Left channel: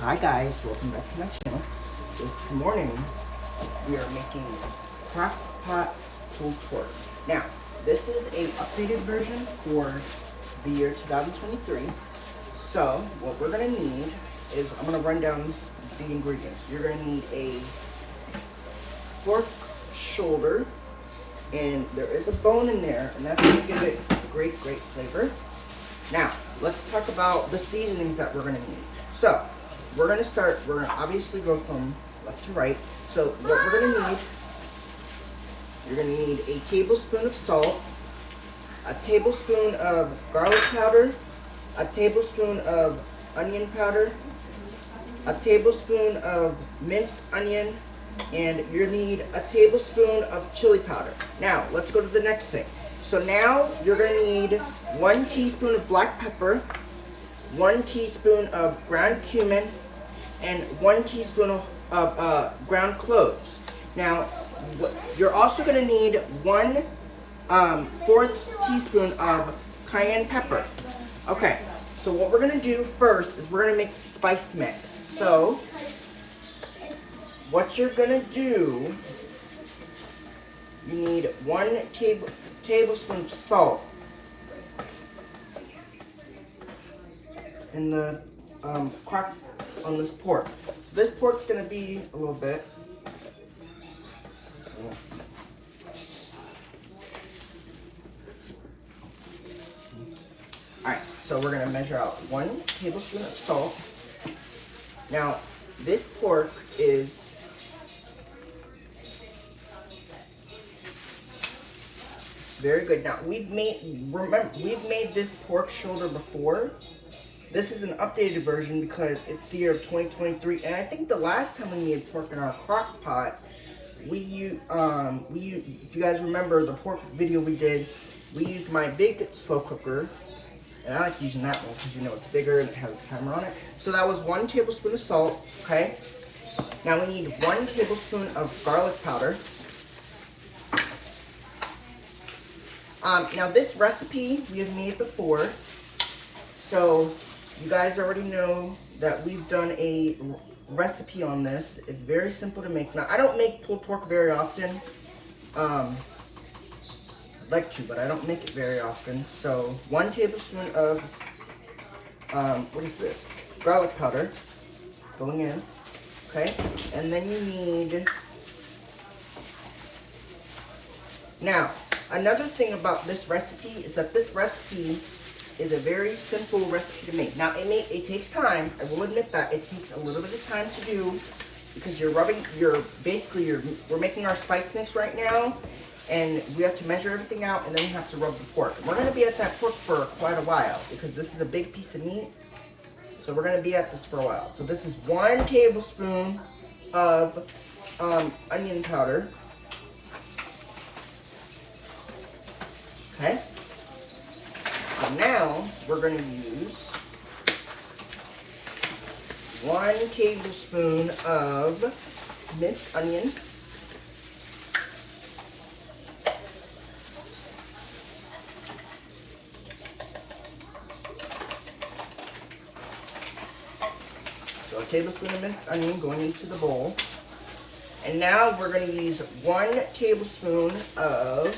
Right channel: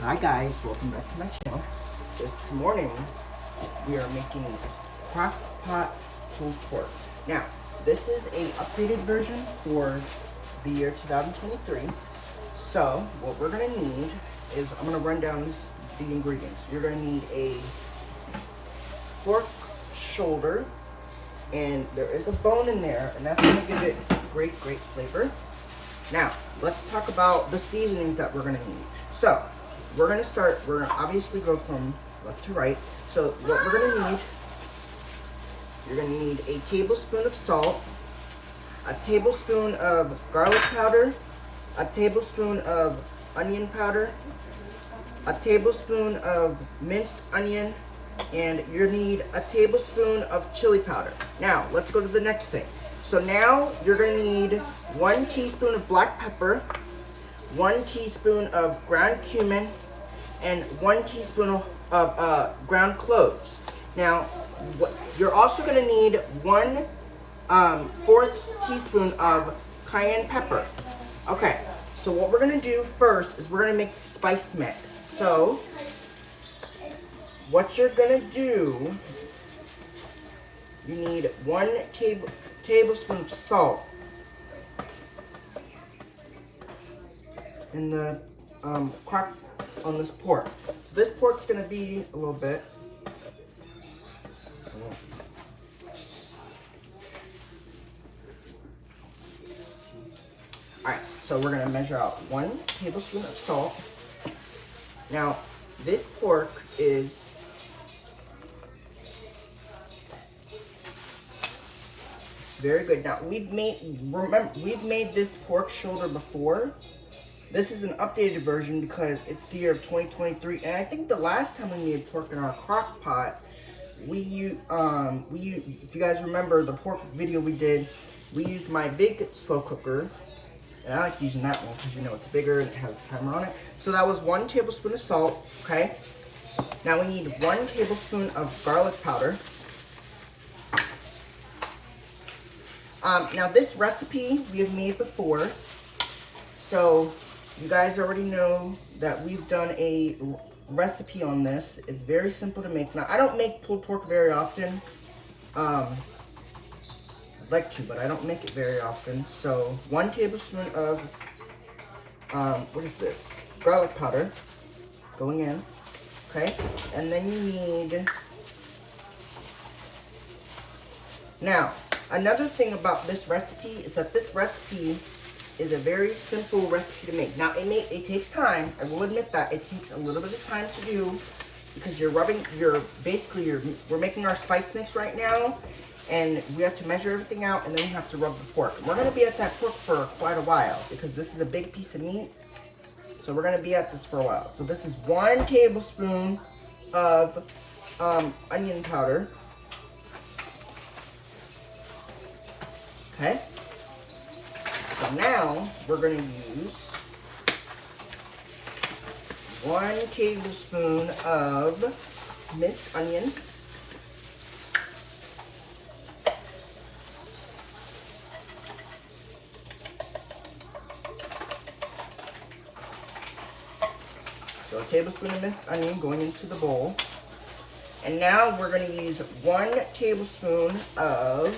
Hi guys, welcome back to my channel. This morning we are making crock pot pulled pork. Now, this is a updated version for the year 2023. So, what we're gonna need is, I'm gonna run down the ingredients. You're gonna need a pork shoulder, and there is a bone in there, and that's gonna give it great flavor. Now, let's talk about the seasonings that we're gonna need. So, we're gonna obviously go from left to right. So what we're gonna need, you're gonna need a tablespoon of salt, a tablespoon of garlic powder, a tablespoon of onion powder, a tablespoon of minced onion, and you're gonna need a tablespoon of chili powder. Now, let's go to the next thing. So now you're gonna need 1 teaspoon of black pepper, 1 teaspoon of ground cumin, and 1 teaspoon of ground cloves. Now, you're also going to need 1/4 teaspoon of cayenne pepper. Okay, so what we're going to do first is we're going to make the spice mix. So, what you're going to do, you need 1 tablespoon of salt in the crock on this pork. So this pork's gonna be a little bit. Alright, so we're gonna measure out 1 tablespoon of salt. Now, this pork is very good. Now, we've made this pork shoulder before. This is an updated version because it's the year of 2023, and I think the last time we made pork in our crock pot, if you guys remember the pork video we did, we used my big slow cooker, and I like using that one because you know it's bigger and it has a timer on it. So that was 1 tablespoon of salt, okay? Now we need 1 tablespoon of garlic powder. Now this recipe we have made before, so you guys already know that we've done a recipe on this. It's very simple to make. Now, I don't make pulled pork very often. I'd like to, but I don't make it very often. So, 1 tablespoon of, what is this? Garlic powder going in, okay? And then you need, now, another thing about this recipe is that this recipe is a very simple recipe to make. Now, it takes time. I will admit that. It takes a little bit of time to do because we're making our spice mix right now, and we have to measure everything out, and then we have to rub the pork. We're going to be at that pork for quite a while because this is a big piece of meat, so we're going to be at this for a while. So this is 1 tablespoon of onion powder. Okay. So now we're going to use 1 tablespoon of minced onion. So a tablespoon of minced onion going into the bowl. And now we're going to use 1 tablespoon of,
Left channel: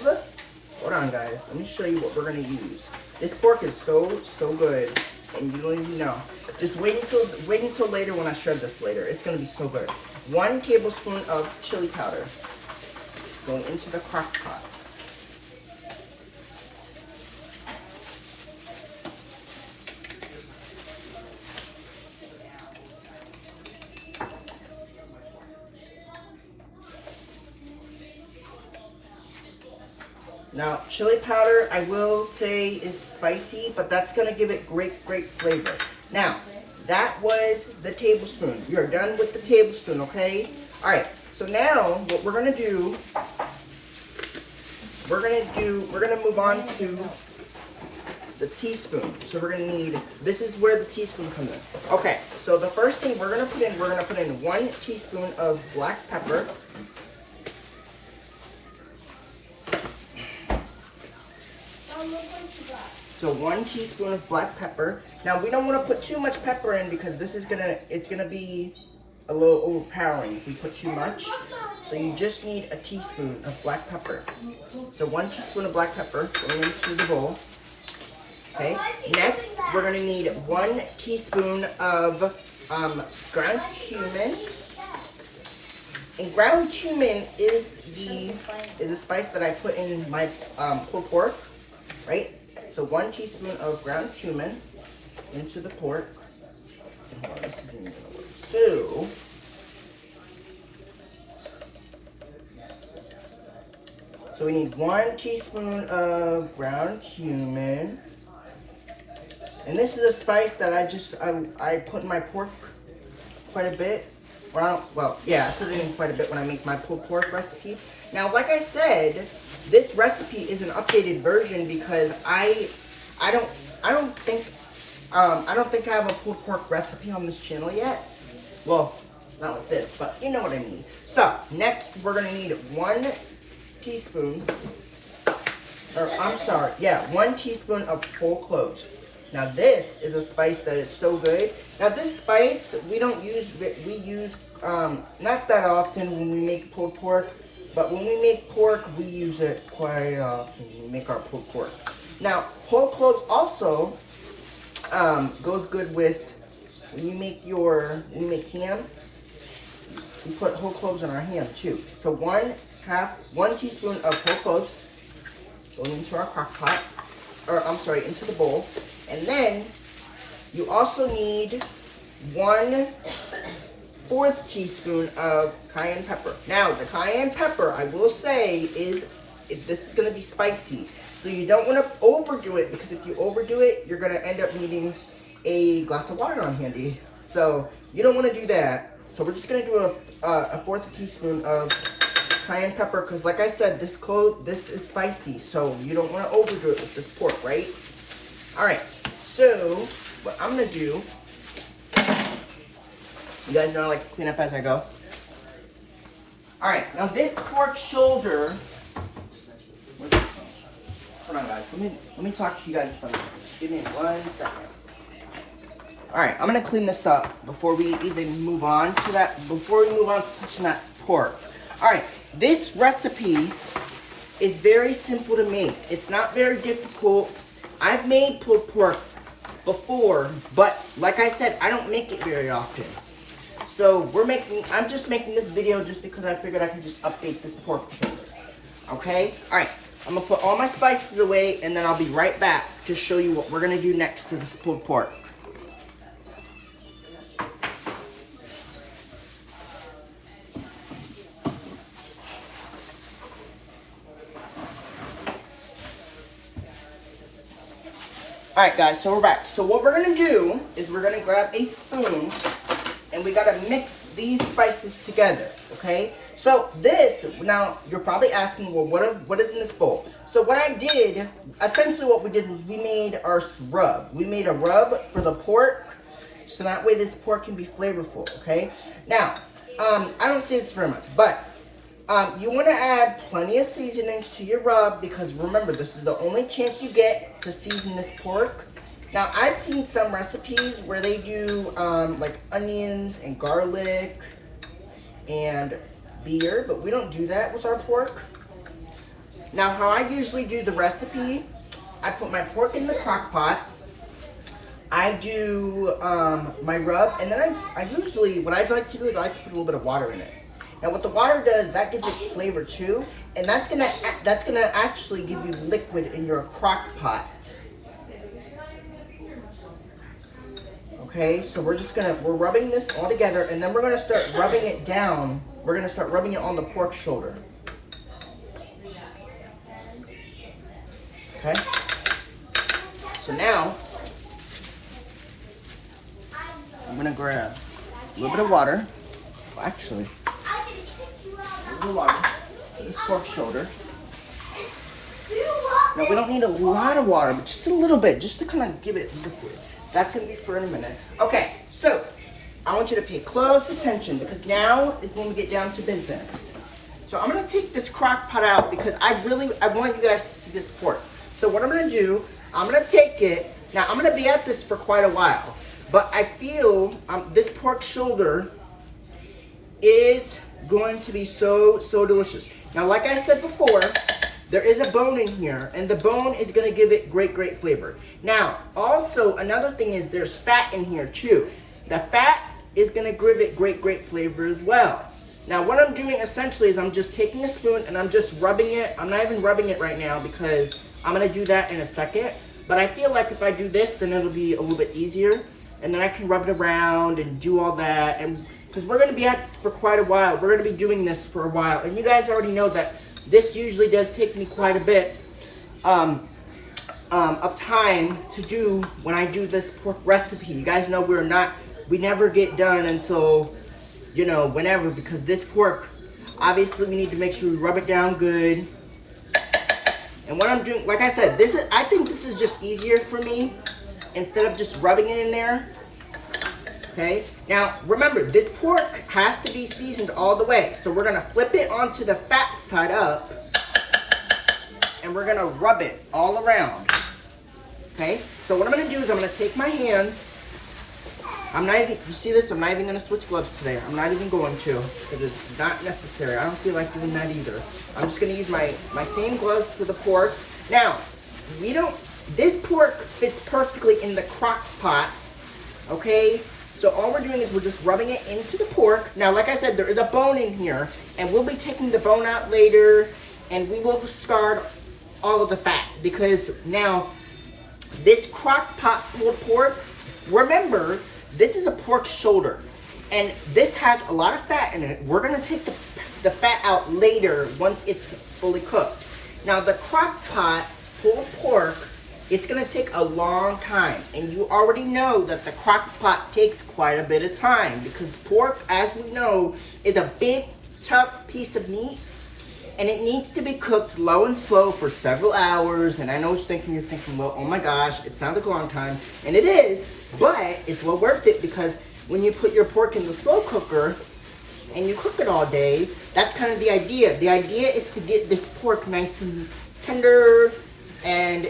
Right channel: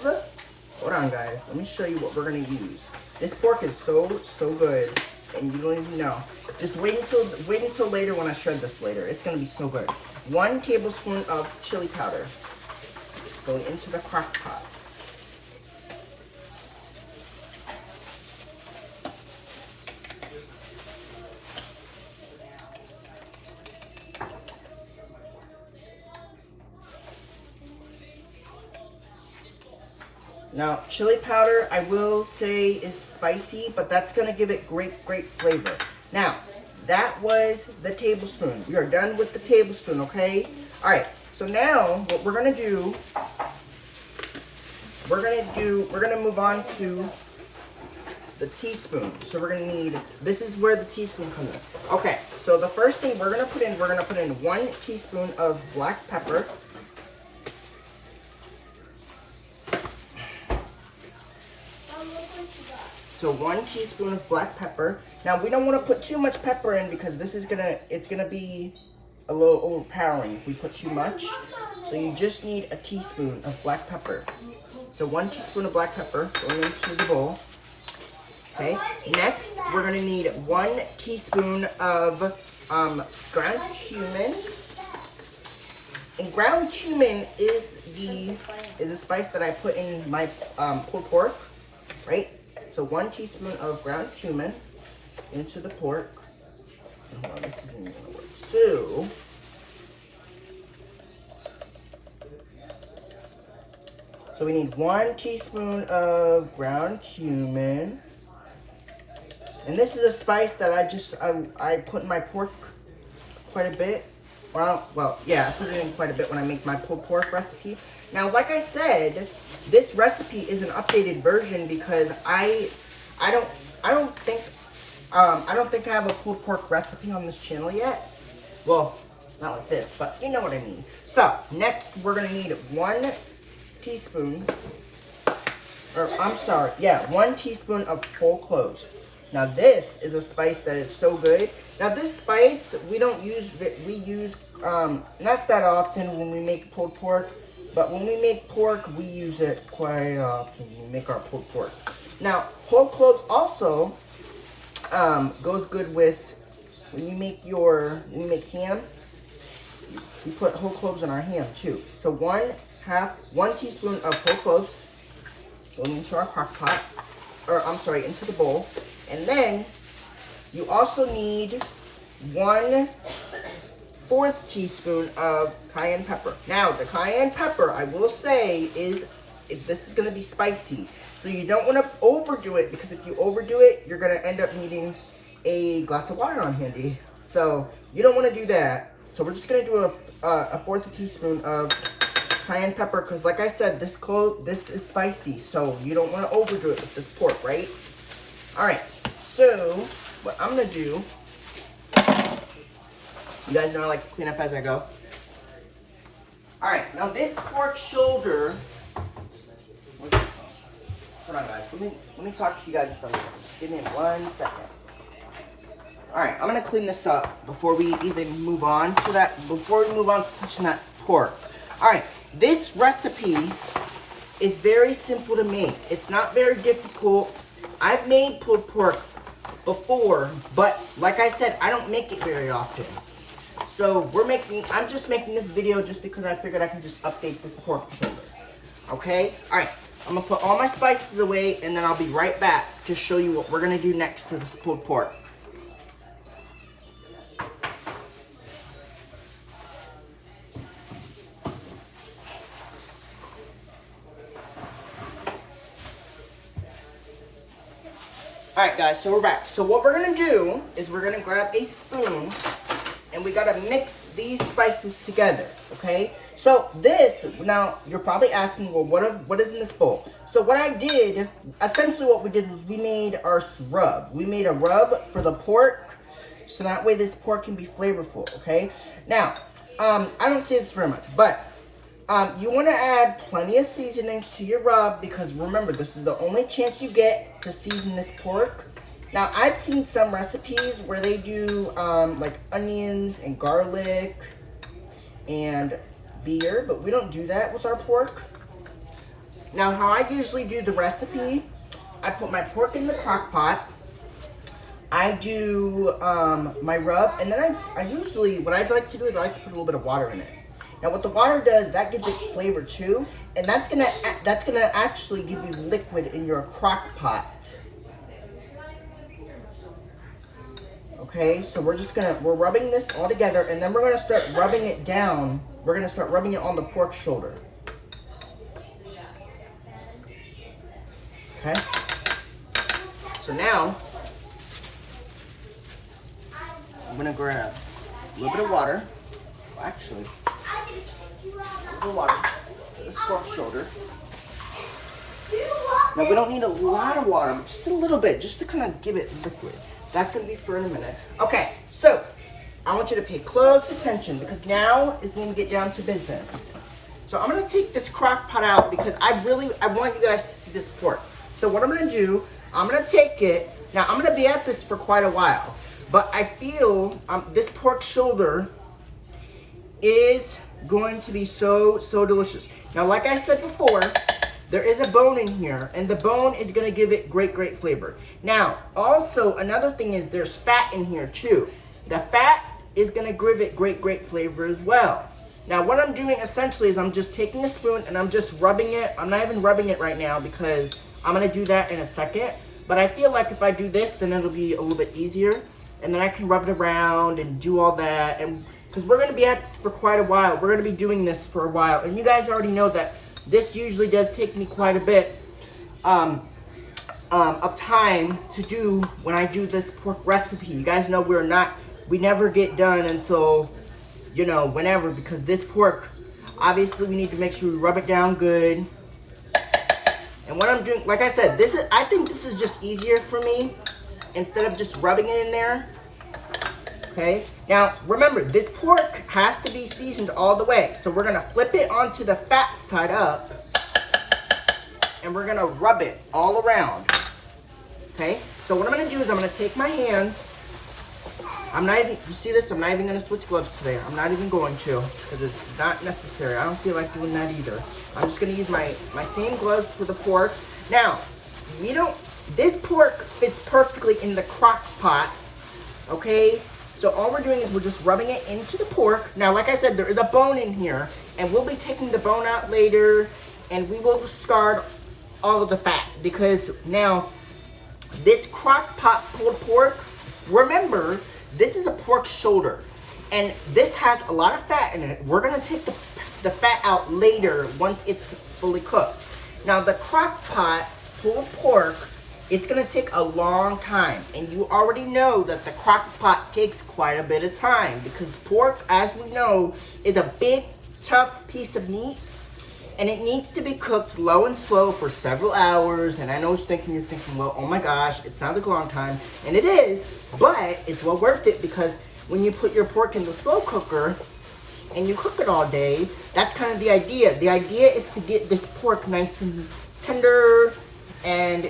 hold on guys, let me show you what we're going to use. This pork is so good, and you don't even know. Just wait until later when I shred this later. It's gonna be so good. 1 tablespoon of chili powder going into the crock pot. Now, chili powder, I will say, is spicy, but that's going to give it great flavor. Now, that was the tablespoon. You're done with the tablespoon, okay? All right, so now what we're going to do, we're going to move on to the teaspoon. So we're going to need, this is where the teaspoon comes in. Okay, so the first thing we're going to put in 1 teaspoon of black pepper. So 1 teaspoon of black pepper. Now we don't want to put too much pepper in because this is it's gonna be a little overpowering if we put too much. So you just need a teaspoon of black pepper. So 1 teaspoon of black pepper going into the bowl. Okay. Next, we're gonna need 1 teaspoon of ground cumin. And ground cumin is a spice that I put in my pulled pork, right? So 1 teaspoon of ground cumin into the pork. And hold on, this isn't gonna work. So we need 1 teaspoon of ground cumin. And this is a spice that I put in my pork quite a bit. I put it in quite a bit when I make my pulled pork recipe. Now, like I said, this recipe is an updated version because I don't think I have a pulled pork recipe on this channel yet. Well, not like this, but you know what I mean. So, next we're gonna need 1 teaspoon, 1 teaspoon of whole cloves. Now this is a spice that is so good. Now this spice we use not that often when we make pulled pork, but when we make pork we use it quite often when we make our pulled pork. Now whole cloves also goes good with when you make ham. We put whole cloves in our ham too. So 1 teaspoon of whole cloves going into our crock pot, into the bowl. And then you also need 1/4 teaspoon of cayenne pepper. Now the cayenne pepper, I will say, this is going to be spicy. So you don't want to overdo it because if you overdo it, you're going to end up needing a glass of water on handy. So you don't want to do that. So we're just going to do a 1/4 teaspoon of cayenne pepper because like I said, this is spicy. So you don't want to overdo it with this pork, right? All right. So, what I'm going to do, you guys know I like to clean up as I go. Alright, now this pork shoulder, hold on guys, let me talk to you guys for a minute. Give me 1 second. Alright, I'm going to clean this up before we even move on to touching that pork. Alright, this recipe is very simple to make. It's not very difficult. I've made pulled pork before, but like I said, I don't make it very often. So I'm just making this video just because I figured I can just update this pork shoulder. Okay? Alright, I'm gonna put all my spices away and then I'll be right back to show you what we're gonna do next to this pulled pork. Alright guys, so we're back. So what we're going to do is we're going to grab a spoon and we got to mix these spices together, okay? So now you're probably asking, well, what is in this bowl? So what I did, essentially what we did was we made our rub. We made a rub for the pork, so that way this pork can be flavorful, okay? Now, I don't say this very much, but you want to add plenty of seasonings to your rub because remember, this is the only chance you get to season this pork. Now, I've seen some recipes where they do like onions and garlic and beer, but we don't do that with our pork. Now, how I usually do the recipe, I put my pork in the crock pot. I do my rub, and then I usually, what I like to do is I like to put a little bit of water in it. Now what the water does, that gives it flavor too, and that's gonna actually give you liquid in your crock pot. Okay, so we're rubbing this all together, and then we're gonna start rubbing it down. We're gonna start rubbing it on the pork shoulder. Okay. So now I'm gonna grab a little bit of water. Actually, a little water for this pork shoulder. Now we don't need a lot of water, but just a little bit, just to kind of give it liquid. That's gonna be for in a minute. Okay, so I want you to pay close attention because now is when we get down to business. So I'm gonna take this crock pot out because I want you guys to see this pork. So what I'm gonna do I'm gonna take it. Now I'm gonna be at this for quite a while, but I feel this pork shoulder is going to be so delicious. Now, like I said before, there is a bone in here, and the bone is gonna give it great flavor. Now, also another thing is there's fat in here too. The fat is gonna give it great flavor as well. Now, what I'm doing essentially is I'm just taking a spoon and I'm just rubbing it. I'm not even rubbing it right now because I'm gonna do that in a second. But I feel like if I do this, then it'll be a little bit easier. And then I can rub it around and do all that. And because we're gonna be at this for quite a while. We're gonna be doing this for a while. And you guys already know that this usually does take me quite a bit of time to do when I do this pork recipe. You guys know we never get done until, you know, whenever, because this pork, obviously we need to make sure we rub it down good. And what I'm doing, like I said, I think this is just easier for me instead of just rubbing it in there. Okay, now remember, this pork has to be seasoned all the way. So we're gonna flip it onto the fat side up and we're gonna rub it all around. Okay, so what I'm gonna do is I'm gonna take my hands. You see this? I'm not even gonna switch gloves today. I'm not even going to, because it's not necessary. I don't feel like doing that either. I'm just gonna use my same gloves for the pork. Now, this pork fits perfectly in the crock pot, okay? So all we're doing is we're just rubbing it into the pork. Now, like I said, there is a bone in here, and we'll be taking the bone out later, and we will discard all of the fat, because now, this crock pot pulled pork, remember, this is a pork shoulder, and this has a lot of fat in it. We're gonna take the fat out later once it's fully cooked. Now, the crock pot pulled pork, it's gonna take a long time, and you already know that the crock pot takes quite a bit of time, because pork, as we know, is a big, tough piece of meat, and it needs to be cooked low and slow for several hours. And I know you're thinking, well, oh my gosh, it sounds like a long time, and it is. But it's well worth it, because when you put your pork in the slow cooker and you cook it all day, that's kind of the idea. The idea is to get this pork nice and tender and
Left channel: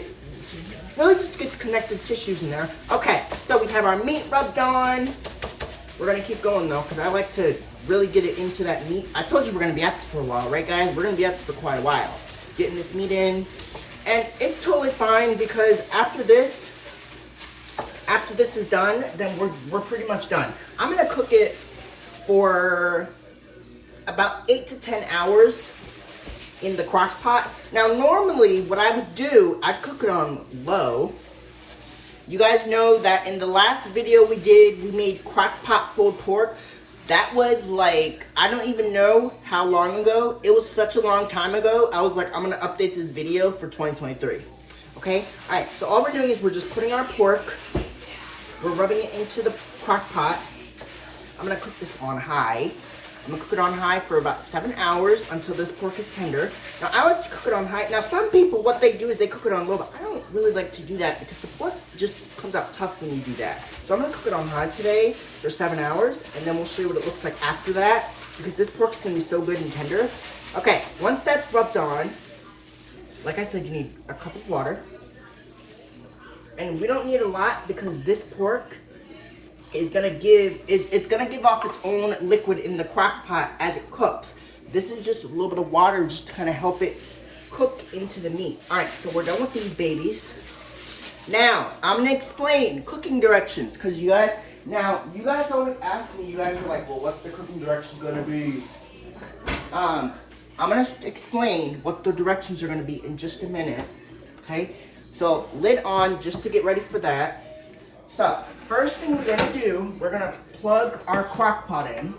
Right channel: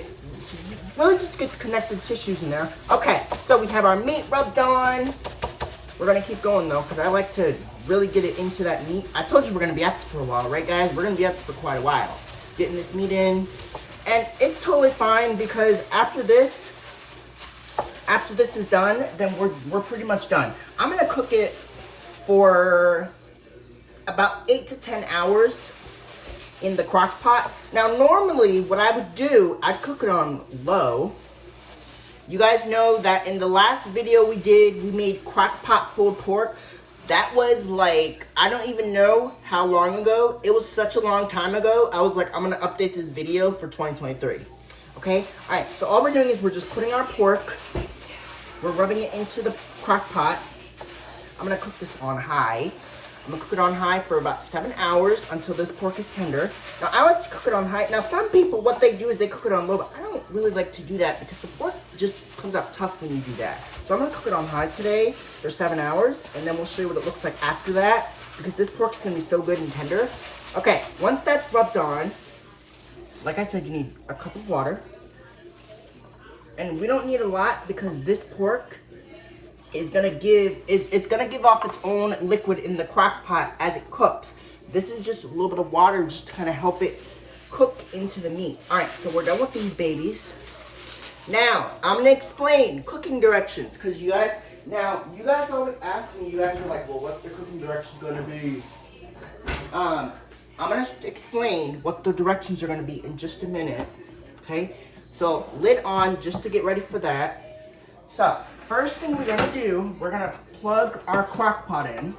really just get the connective tissues in there. Okay, so we have our meat rubbed on. We're gonna keep going though, because I like to really get it into that meat. I told you we're gonna be at this for a while, right guys? We're gonna be at this for quite a while. Getting this meat in. And it's totally fine, because after this is done, then we're pretty much done. I'm gonna cook it for about 8 to 10 hours in the crock pot. Now, normally what I would do, I'd cook it on low. You guys know that in the last video we made crock pot pulled pork. That was like, I don't even know how long ago. It was such a long time ago. I was like, I'm gonna update this video for 2023. Okay, all right, so all we're doing is we're just putting our pork, we're rubbing it into the crock pot. I'm gonna cook this on high. I'm gonna cook it on high for about 7 hours until this pork is tender. Now, I like to cook it on high. Now, some people, what they do is they cook it on low, but I don't really like to do that, because the pork just comes out tough when you do that. So I'm gonna cook it on high today for 7 hours, and then we'll show you what it looks like after that, because this pork is gonna be so good and tender. Okay, once that's rubbed on, like I said, you need a cup of water. And we don't need a lot, because this pork is gonna it's gonna give off its own liquid in the crock pot as it cooks. This is just a little bit of water just to kind of help it cook into the meat. All right, so we're done with these babies. Now, I'm gonna explain cooking directions, because you guys always ask me, you guys are like, well, what's the cooking directions gonna be? I'm gonna explain what the directions are gonna be in just a minute, okay? So, lid on, just to get ready for that. So, first thing we're gonna do, we're gonna plug our crock pot in.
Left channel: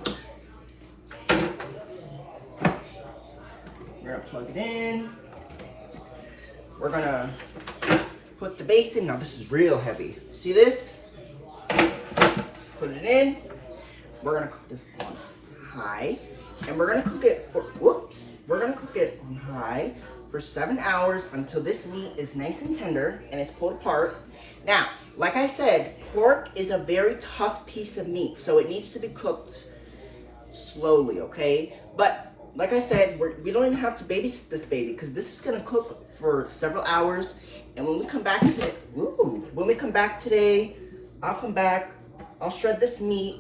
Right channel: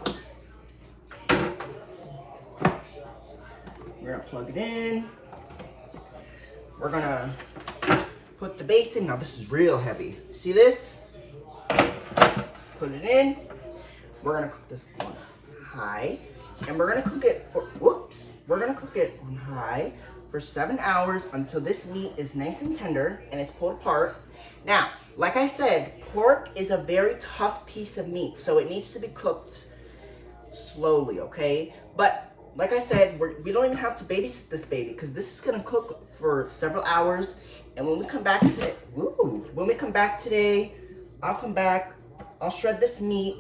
We're gonna plug it in. We're gonna put the base in. Now, this is real heavy. See this? Put it in. We're gonna cook this on high. And we're gonna cook it we're gonna cook it on high for 7 hours until this meat is nice and tender and it's pulled apart. Now, like I said, pork is a very tough piece of meat, so it needs to be cooked slowly, okay? But like I said, we don't even have to babysit this baby because this is gonna cook for several hours. And when we come back today, I'll come back, I'll shred this meat,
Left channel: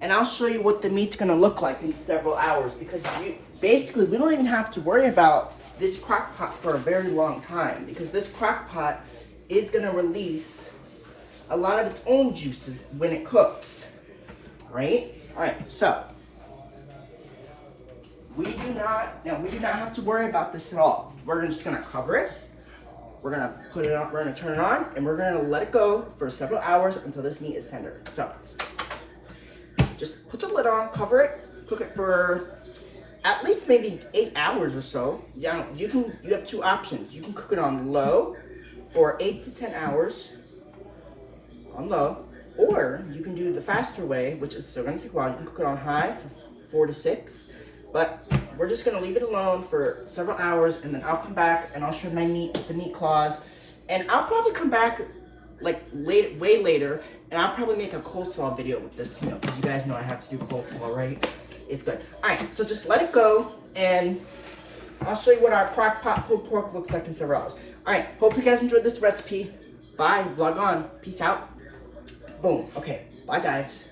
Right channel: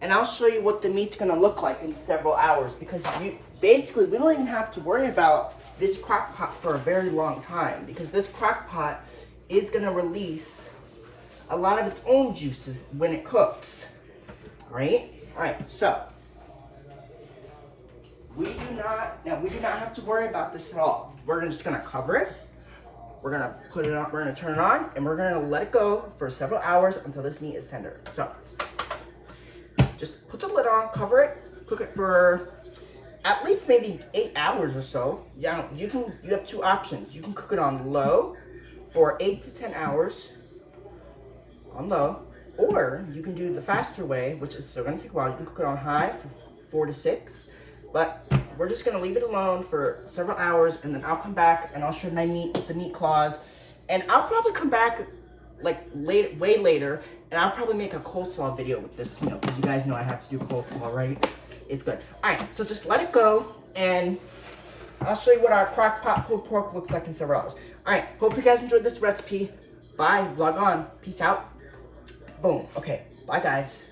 and I'll show you what the meat's gonna look like in several hours, because basically we don't even have to worry about this crock pot for a very long time, because this crock pot is gonna release a lot of its own juices when it cooks, right? All right, so we do not have to worry about this at all. We're just gonna cover it. We're gonna put it on, we're gonna turn it on, and we're gonna let it go for several hours until this meat is tender. So just put the lid on, cover it, cook it for at least maybe 8 hours or so. Yeah, you have two options. You can cook it on low for 8 to 10 hours on low, or you can do the faster way, which is still gonna take a while. You can cook it on high for 4 to 6. But we're just gonna leave it alone for several hours, and then I'll come back and I'll shred my meat with the meat claws. And I'll probably come back like way later, and I'll probably make a coleslaw video with this meal, because you guys know I have to do coleslaw, right? It's good. All right, so just let it go, and I'll show you what our crock pot pulled pork looks like in several hours. All right, hope you guys enjoyed this recipe. Bye, vlog on, peace out. Boom, okay, bye guys.